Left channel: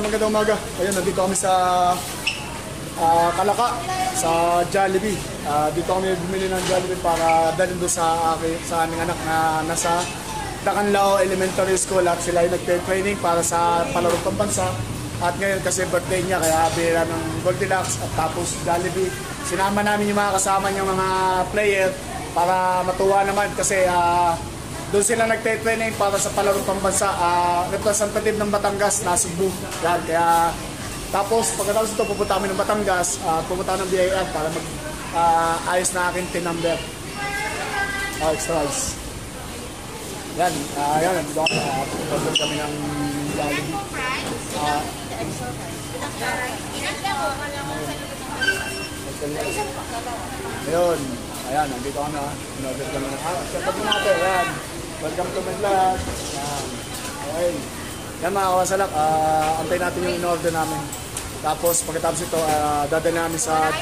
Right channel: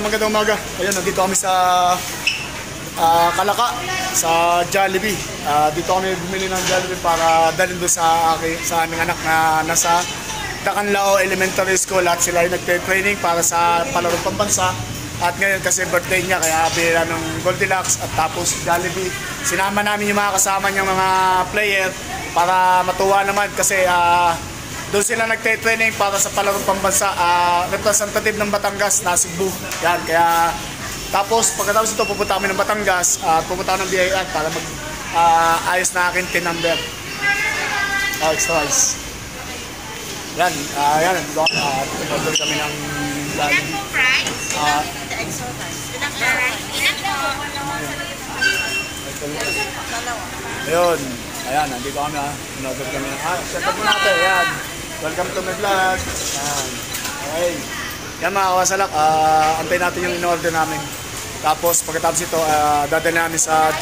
magandang umaga. Ayun, nandito kami sa Kalaka, sa Jollibee. Dito kami bumili ng Jollibee para dalhin doon sa aming anak na nasa Dacanlao Elementary School at sila ay nagpe-training para sa palarong pambansa. At ngayon kasi birthday niya, kaya bili namin ng Goldilocks at tapos Jollibee. Sinama namin yung mga kasama niyang mga player para matuwa naman kasi doon sila nagte-training para sa palarong pambansa, representative ng Batangas na Cebu. Yan, kaya tapos pagkatapos ito pupunta kami ng Batangas, pupunta kami ng BIR para mag ayos na akin tin number. Extra rice. Yan, yan, order kami ng Jollibee. Ilan po price? The extra rice. Ilan po? Ayun, ayan, nandito kami in-order kami ng set up natin, ayan. Welcome to my vlog. Okay. Yan mga kawasalak, antay natin yung in-order namin. Tapos pagkatapos ito, dadalhin namin sa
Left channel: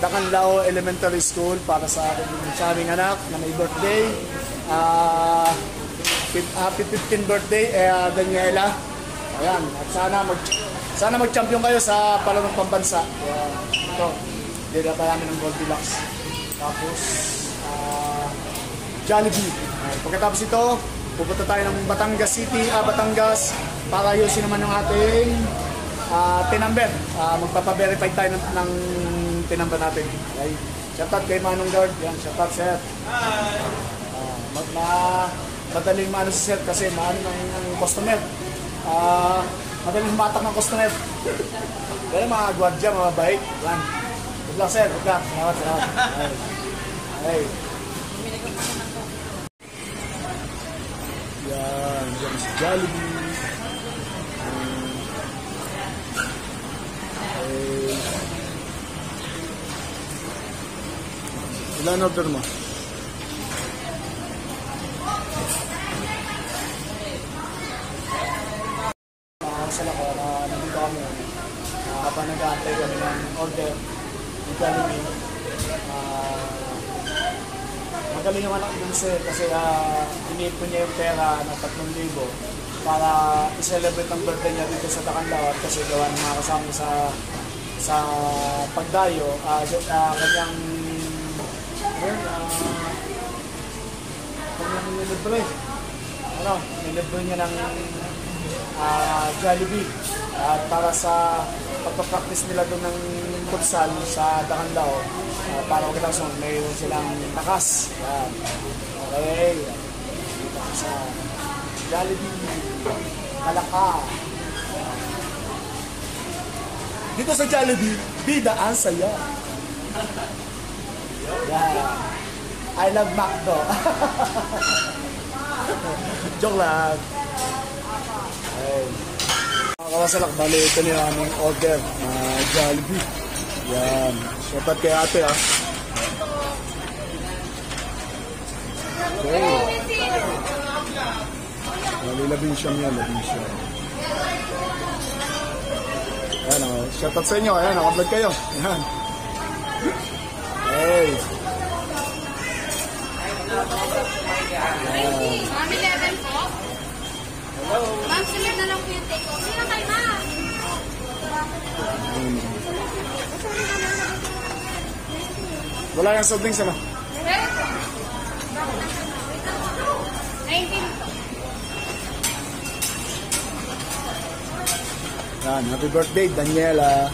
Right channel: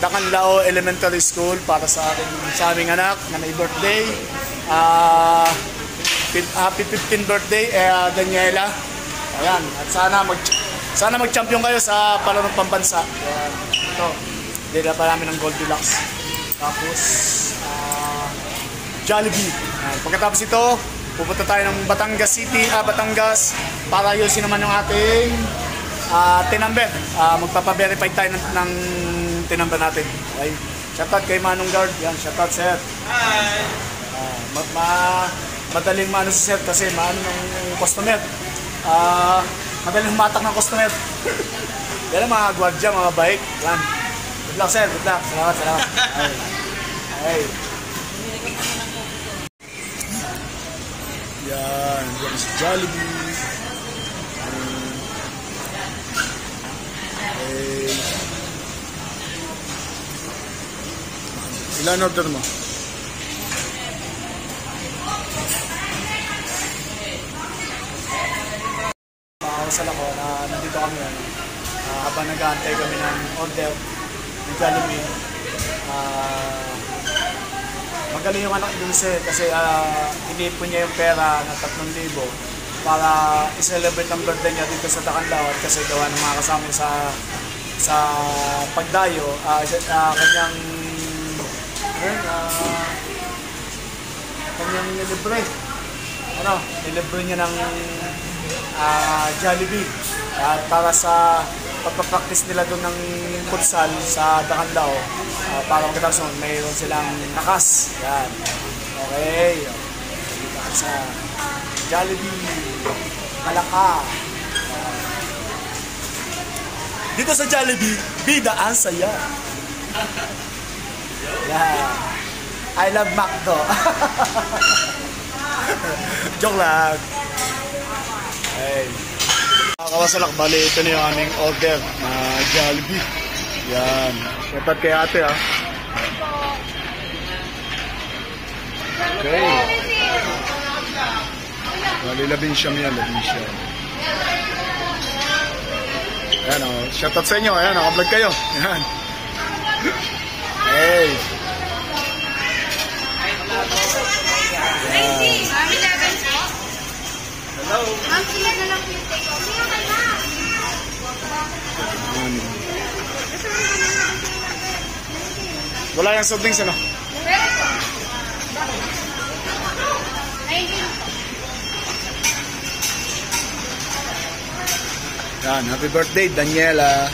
Dacanlao Elementary School para sa aming anak na may birthday. Happy 15th birthday, Daniela. Ayan, at sana mag-champion kayo sa palarong pambansa. Ito, dila pa namin ng Goldilocks. Tapos Jollibee. Pagkatapos ito, pupunta tayo ng Batangas City, Batangas para ayusin naman yung ating tinumber. Magpapa-verify tayo ng tinumber natin. Okay. Shoutout kay Manong Guard. Yan, shoutout sir. Hi. Madaling maano si sir kasi maano ng customer. Madaling humatak ng customer. Yan mga gwardiya, mga bike. Yan. Good luck sir, good luck. Salamat, salamat. Okay. Yan, yan si Jollibee. Okay. Ilan order mo? Makakasala ko na nandito kami habang nag-aantay kami ng order ng Jollibee. Magaling yung anak din sir kasi inipon niya yung pera na 3,000 para i-celebrate ang birthday niya dito sa Dacanlao kasi gawa ng mga kasama sa pagdayo. Kanyang nilibre. Nilibre niya ng Jollibee para sa pagpapractice nila doon ng futsal sa Dacanlao para magkatapos mayroon silang nakas. Yan. Okay. Dito sa Jollibee Kalaka. Dito sa Jollibee, bida ang saya. Yan. I love McDo. Joke lang. Hey. Kawasalak, bali ito na yung aming order na Jollibee. Yan. Shoutout kay ate ha. Okay. Bali labinsyam yan, labinsyam. Ayan o. Shoutout sa inyo. Ayan, naka-vlog kayo. Ayan. Hey. Ayan. Ma'am, sila na lang yung take off. Sila kay ma'am. Wala yung soft drinks ano? Yan, happy birthday Daniela.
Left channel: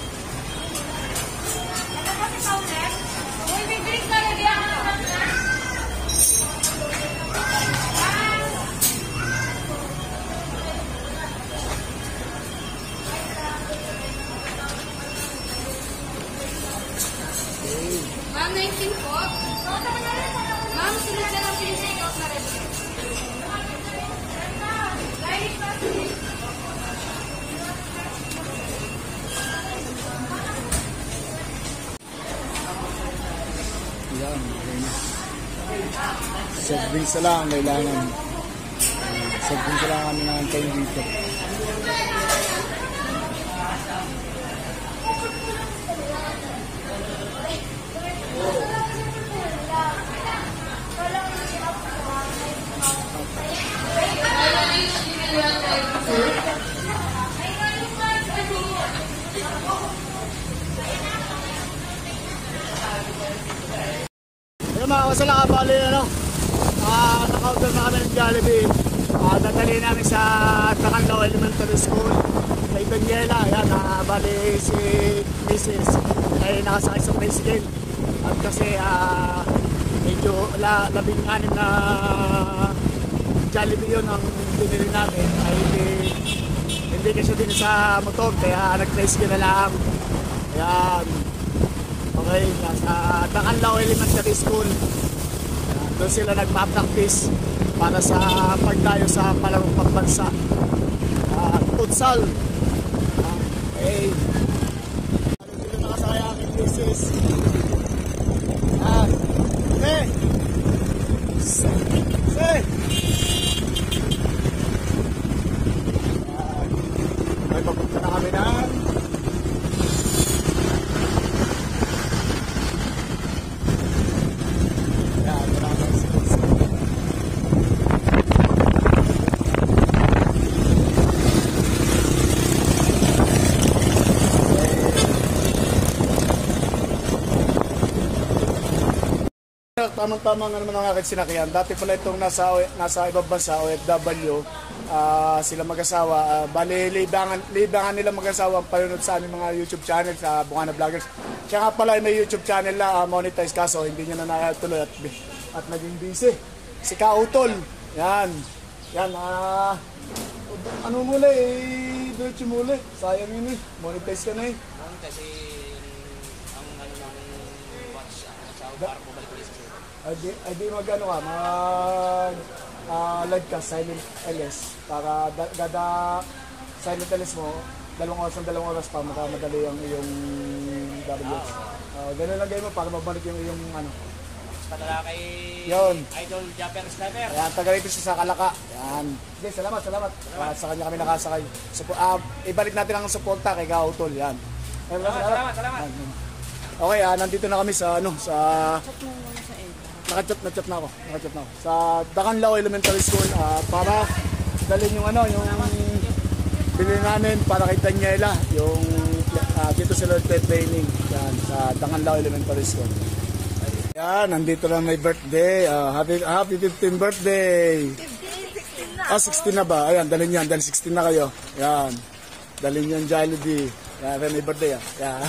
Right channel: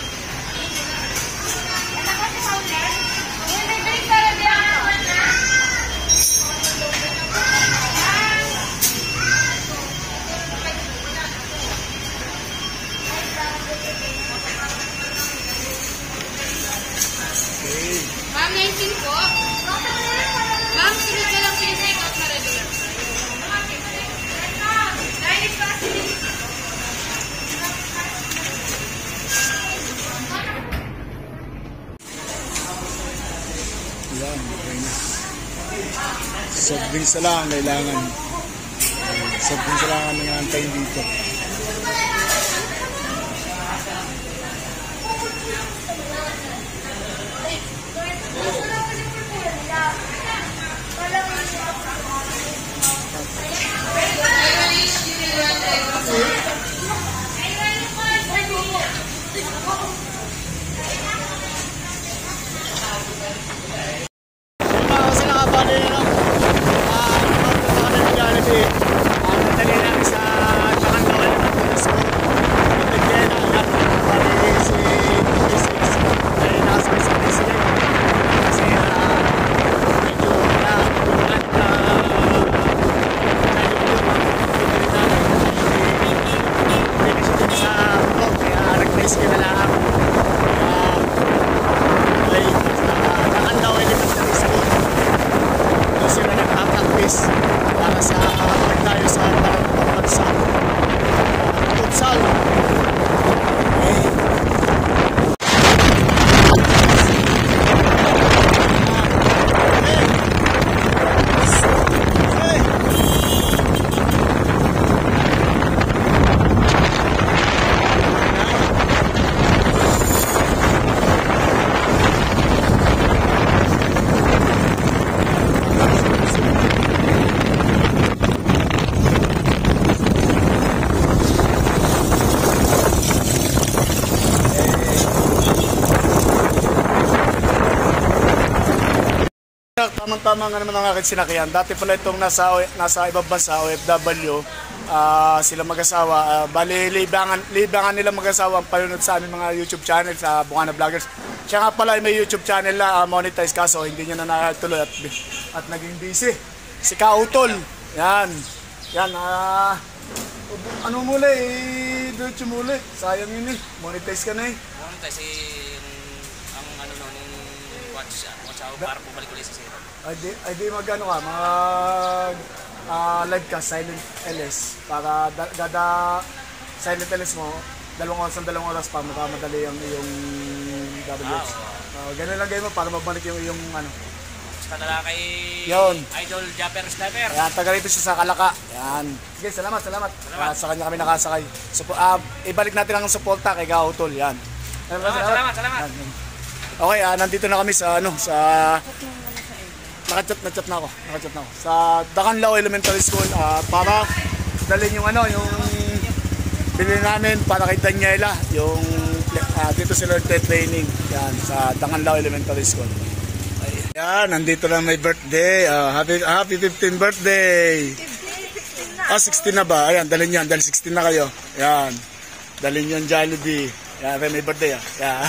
Ma'am, 19 po. Ma'am, sunod na lang po yung take off na regular. Dahil pa Yan, okay na. Soft drinks na lang kailangan. Soft drinks na lang kami antayin dito. sila bali, ano, naka-order na kami ng Jollibee. Nadali namin sa Tacanlao Elementary School. May Daniela, yan, bali si Mrs. ay nakasakay sa tricycle. Kasi medyo labing-anim na Jollibee yun ang pinili namin. Hindi kasi din sa motor, kaya nag-tricycle na lang. Kaya ay sa Tacanlao Elementary School. Doon sila nagpa-practice para sa pagdayo sa palarong pambansa. Futsal. Okay. Tamang-tama nga naman ang aking sinakyan. Dati pala itong nasa ibang bansa, OFW, sila mag-asawa. Bali, libangan nila mag-asawa ang panunod sa aming mga YouTube channel sa Bungana Vloggers. Siya nga pala may YouTube channel na monetize kaso hindi niya na nakatuloy at naging busy. Si Kautol. Yan. Yan. Ano muli? Diretso muli. Sayang yun eh. Monetize ka na eh. Monetize ang ano nung watch para bumalik ulit sa zero. Ay di mag-ano ka, live ka, silent LS. Para gada silent LS mo, 2 oras pa, makamadali yung iyong WH. Ganun lang mo para mabalik yung iyong ano. Basta na kay yun. Idol Japper Sniper. Ayan, taga rito siya sa Kalaka. Ayan. Sige, salamat. Sa kanya kami nakasakay. Ibalik natin ang suporta kay Gautol. Yan. Salamat. Okay, nandito na kami sa Naka-chat na ako. Sa Tacanlao Elementary School para dalhin yung yung bilhin namin para kay Daniela, yung dito sila training yan sa Tacanlao Elementary School. Yan, nandito na may birthday. Happy 15th birthday. 16 na ba? Ayan, dalhin yan. Dahil 16 na kayo. Yan. Dalhin yung Jollibee. Yan, may birthday. Yan.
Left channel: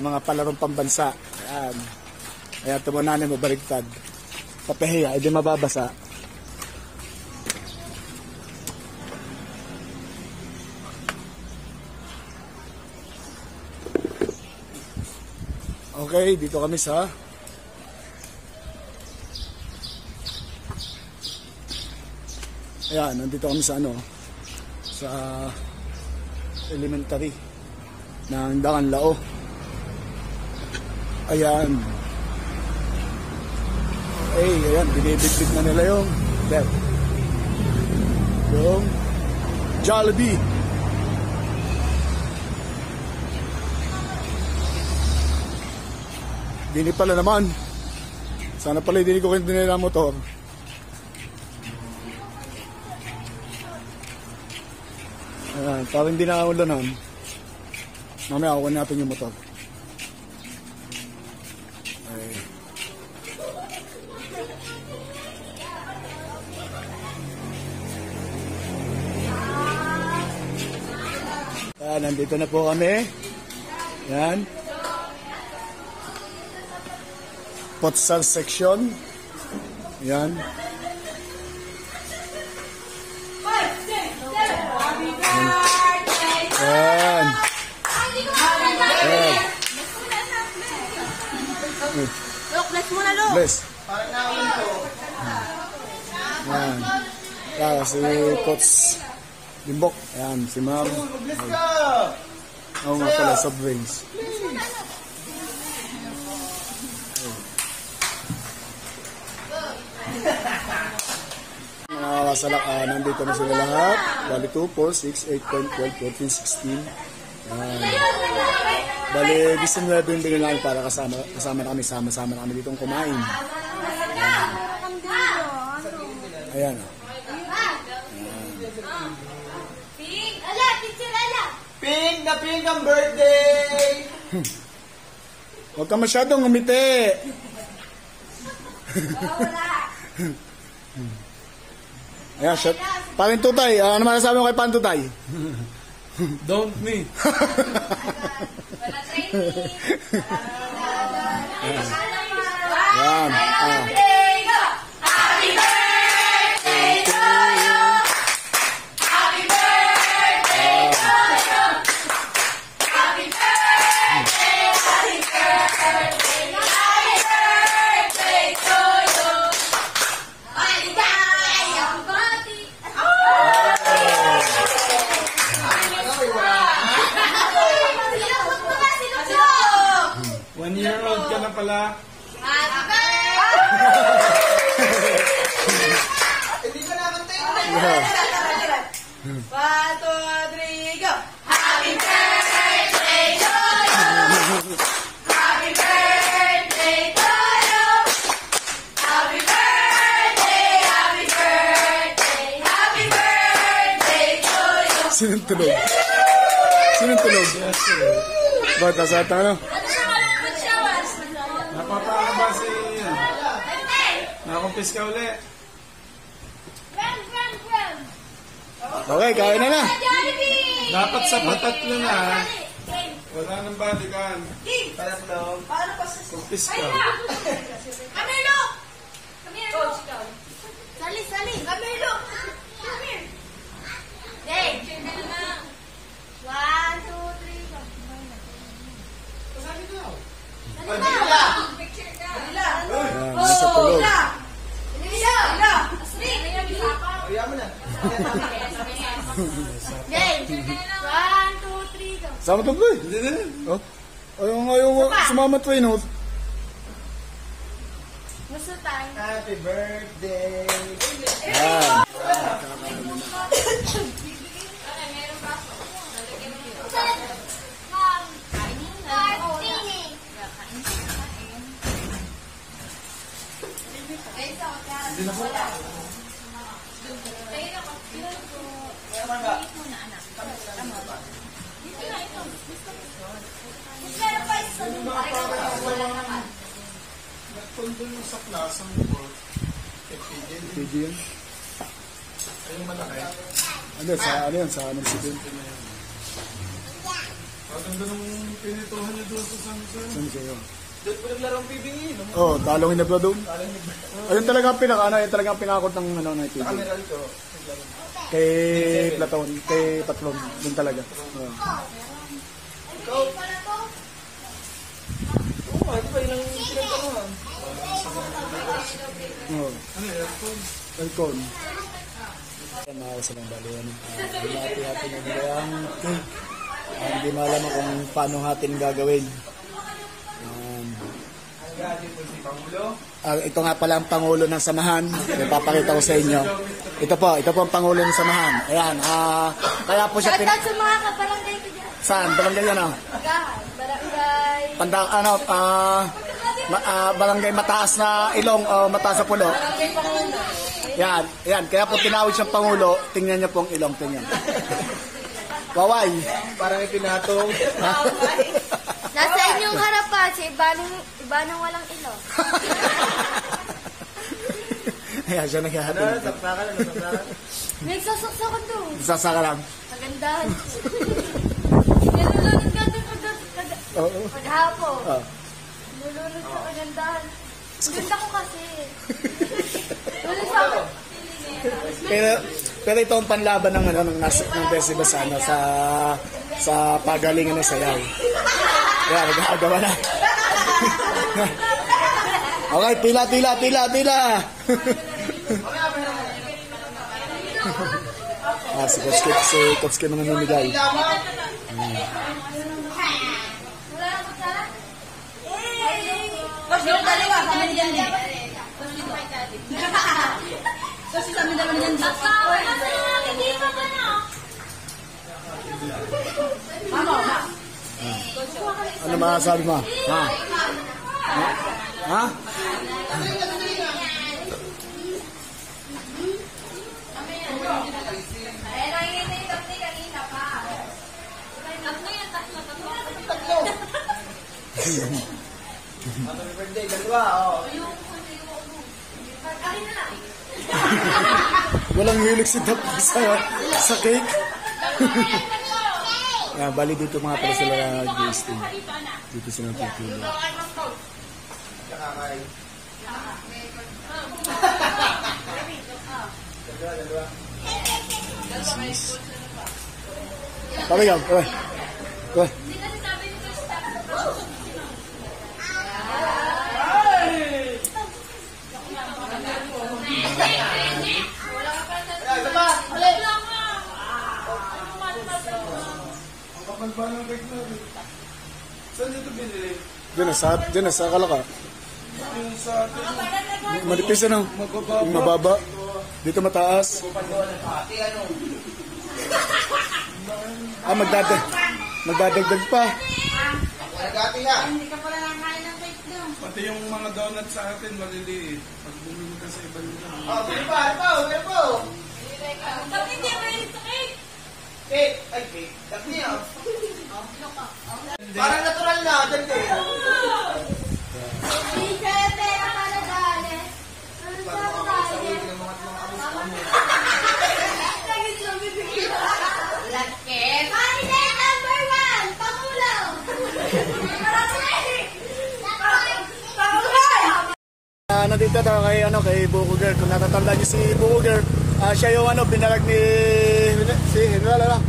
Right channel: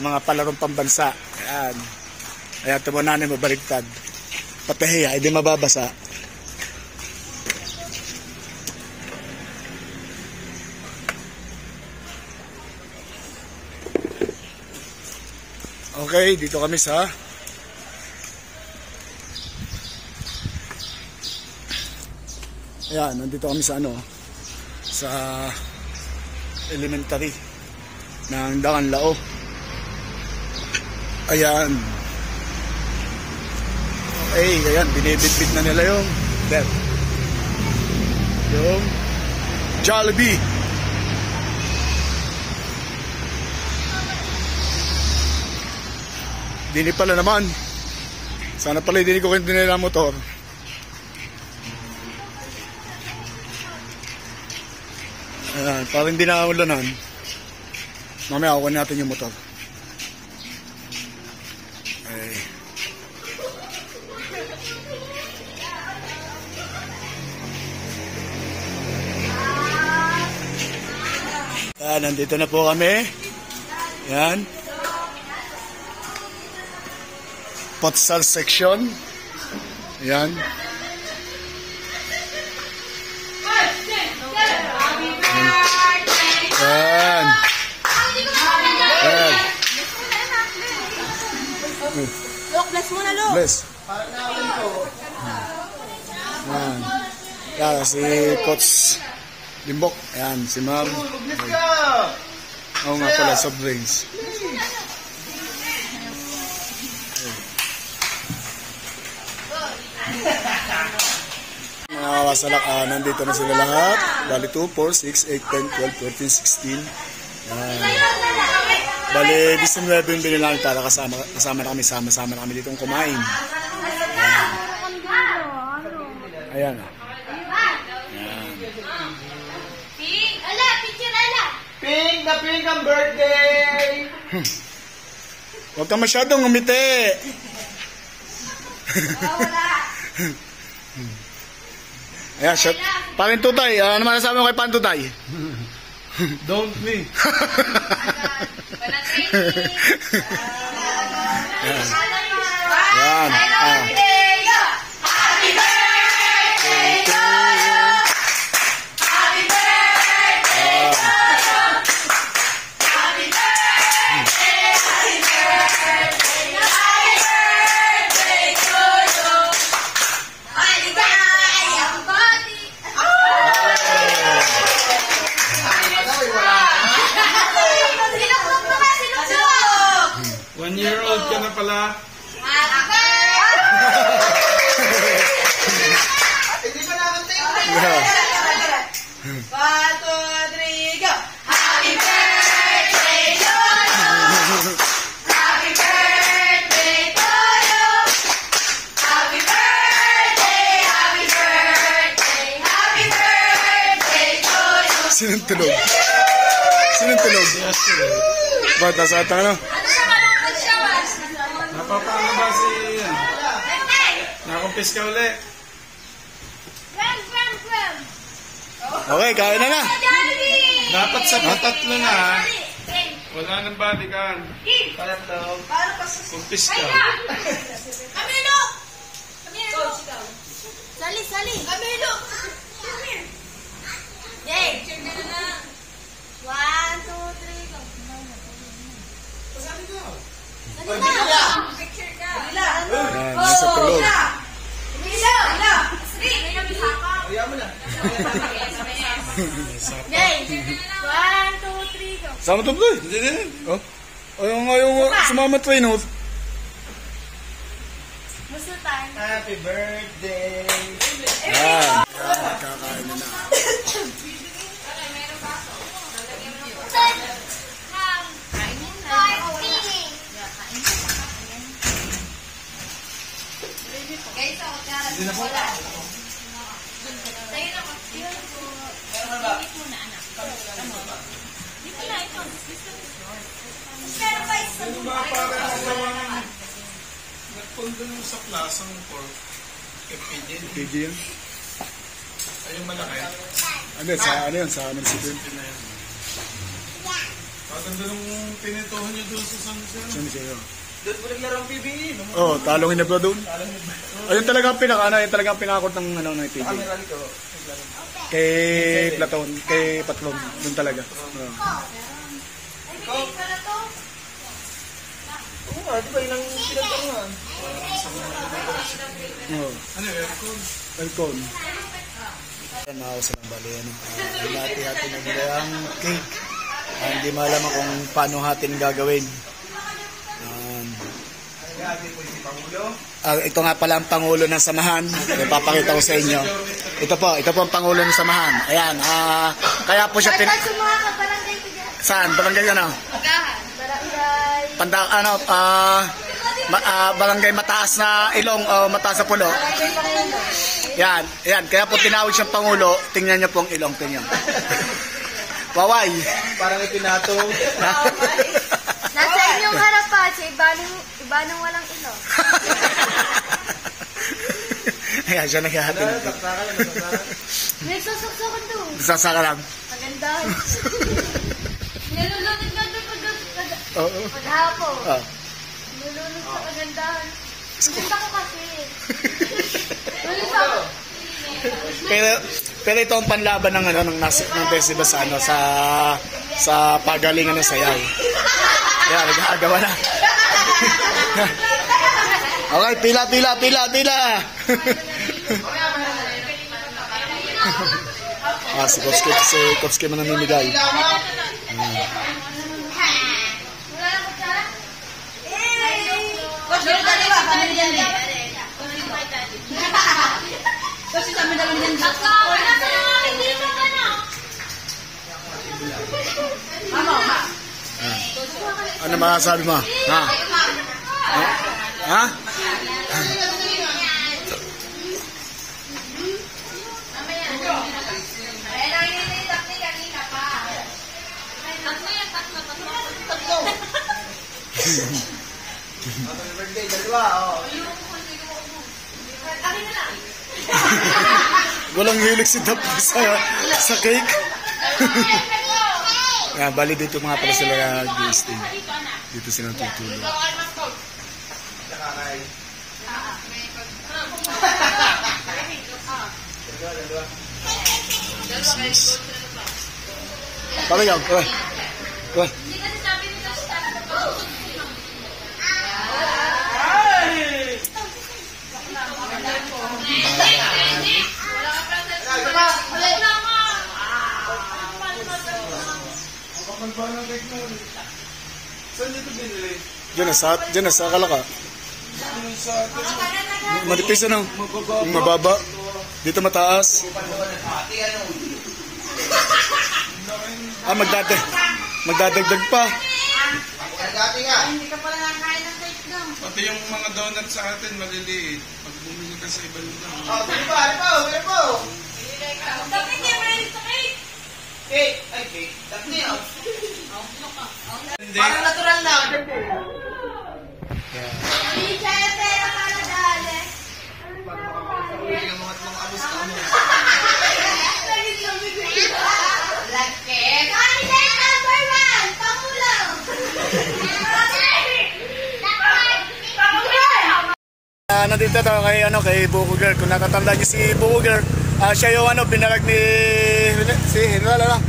Mga palarong pambansa. Yan. Ayan, tumunanin mo, baliktad. Papahiya, hindi mababasa. Okay, dito kami sa ayan, nandito kami sa sa elementary ng Tacanlao. Ayan. Okay, ayan, binibitbit na nila yung Jollibee. Dini pala naman. Sana pala hindi ko kinti nila motor. Ayan, parang hindi nakakulanan. Mamaya kukunin natin yung motor. Okay. Nandito na po kami. Yan. Futsal section. Yan. Yan. Yan. Look, bless mo na, look. Bless. Yan. Yan, si Coach Limbok. Ayan, si Ma'am. Oo nga pala, soft drinks. Mga kawasalak, nandito na sila lahat. Bali 2, 4, 6, 8, 10, 12, 14, 16. Ayan. Bali 19 yung binili namin para kasama na kami. Sama-sama na kami ditong kumain. Ayan. Ayan. Pink na pink ang birthday! Huwag ka masyadong umiti. Ayan, shot. Parin Tutay, ano masasabi mo kay Parin Tutay? Don't me. Wala training. Yan. Happy birthday to you. Happy birthday to you. Happy birthday, happy birthday, happy birthday to you. Maligayang bati. Sinusok. 1-year-old ka na pala. Happy birthday. Hindi pa naman tayo. Yeah. 1, 2, 3, go! Happy birthday to you. Happy birthday to you. Happy birthday, happy birthday, happy birthday to you. Sinong tulog? Sinong tulog? Ba't nasa ata ano? Ano siya malapit siya, Bas? Napapakaba si... Birthday! Nakakumpis ka uli. Run, run, run! Okay, kain na na. Jollibee! Dapat sa patatlo na ha. Train. Wala nang body kan. Paano pa sa... Kumpis ka. Kaya! Camilo! Camilo! Sali, sali! Camilo! Come here! Dave! 1, 2, 3, go! Sabi ko. Ano ba? Picture ka! Yan, nasa tulog. Camilo! Asri! Kaya mo na. Game! 1, 2, 3, go! Sama to, boy. Hindi din. Oh. Ayaw sumama train, oh. Gusto tayo. Happy birthday. Yan. Kakain na na. Hindi na po. Ano ba para gawa nagpundo mo sa klasang pork? Kepidin. Pwede yan. Ay, yung malaki. Ano yan? Sa munisipyo. Paganda nung pinituhan niyo doon sa Sunset. Saan siya? Doon mo naglaro ang PBE. Oh, talong inabla doon. Ayun talaga ang ayun talaga ang pinakakot ng ano ng TV. Meron ko. Kay Platon, kay Patlon, doon talaga. Oh. Ikaw? Oo, di ba ilang pinagtanungan? Oh. Ano yung aircon? Welcome. Yan, makakausa lang bali. Hati-hati na nila ang cake. Hindi malaman kung paano hatin gagawin. Ito nga pala ang Pangulo ng Samahan. Ipapakita ko sa inyo. Ito po ang Pangulo ng Samahan. Ayan, kaya po siya Sa mga kabarangay ko dyan. Saan? Barangay ano? Agahan. Barangay. Barangay mataas na ilong o mataas na pulo. Barangay Pangulo. Yan. Kaya po tinawag siyang Pangulo. Tingnan niyo po ang ilong. Tingnan. Waway. Parang ipinatong. Nasa inyong harapan, sa iba nang walang ilong. Ayan, siya naghahatin. Saksakan lang, saksakan. May sasaksakan doon. Sasaka lang. Pagandahan. Nilulunod ka doon Oo. paghapon. Oh. Nilulunod sa pagandahan. Sinta ko kasi. Nilulunod ako. Pero ito ang panlaban ng ng festival sa sa pagalingan ng sayaw. Kaya nag-aagawa na. Okay, pila. Si Kopski man namimigay. Wala na ko sa? Coach, meron tayo ba? Kami na dyan. Coach, kami na dyan. Wala ka na hindi mo ka na. Mama. Ano masasabi mo? Ha? Happy birthday, dalawa. Oh. Walang hilig si Dap sa cake. Bali dito mga pala sila nag-gisting. Dito sila tutulog. Pala yan, oy. Oy. Saan dito binili? Diyan na sa Kalaka. Manipis ano? Yung mababa. Dito mataas. Magdadagdag pa. Pati yung mga donut sa atin maliliit. Pag bumili ka sa ibang lugar. Parang natural na. Nandito tayo kay Buko Girl. Kung natatandaan niyo si Buko Girl, siya yung binarag ni si General.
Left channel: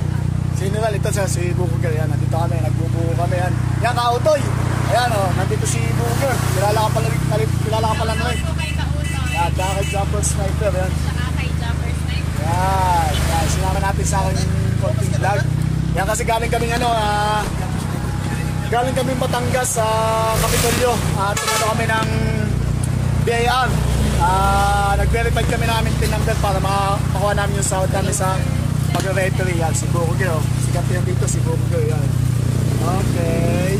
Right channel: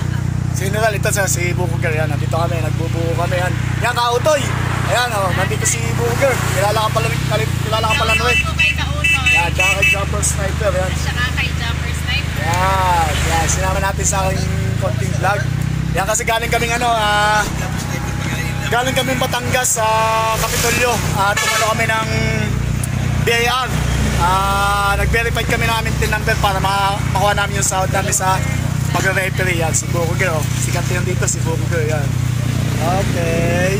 Si General, ito siya, si Buko Girl. Yan, nandito kami, nagbubuko kami. Yan, Kautoy. Ayan, nandito si Buko Girl. Kilala ka pala naman. Kay Kautoy. Yan, tsaka kay Jumper Sniper. Yan. Tsaka kay Jumper Sniper. Yan, sinama natin sa aking konting vlog. Yan kasi galing kaming galing kaming Batangas sa Kapitolyo. Tumano kami ng BIR. Nag-verify kami ng aming PIN number para makuha namin yung sahod namin sa pag-referee. Yan, si Buko Girl. Sikat yan dito, si Buko Girl. Yan. Okay.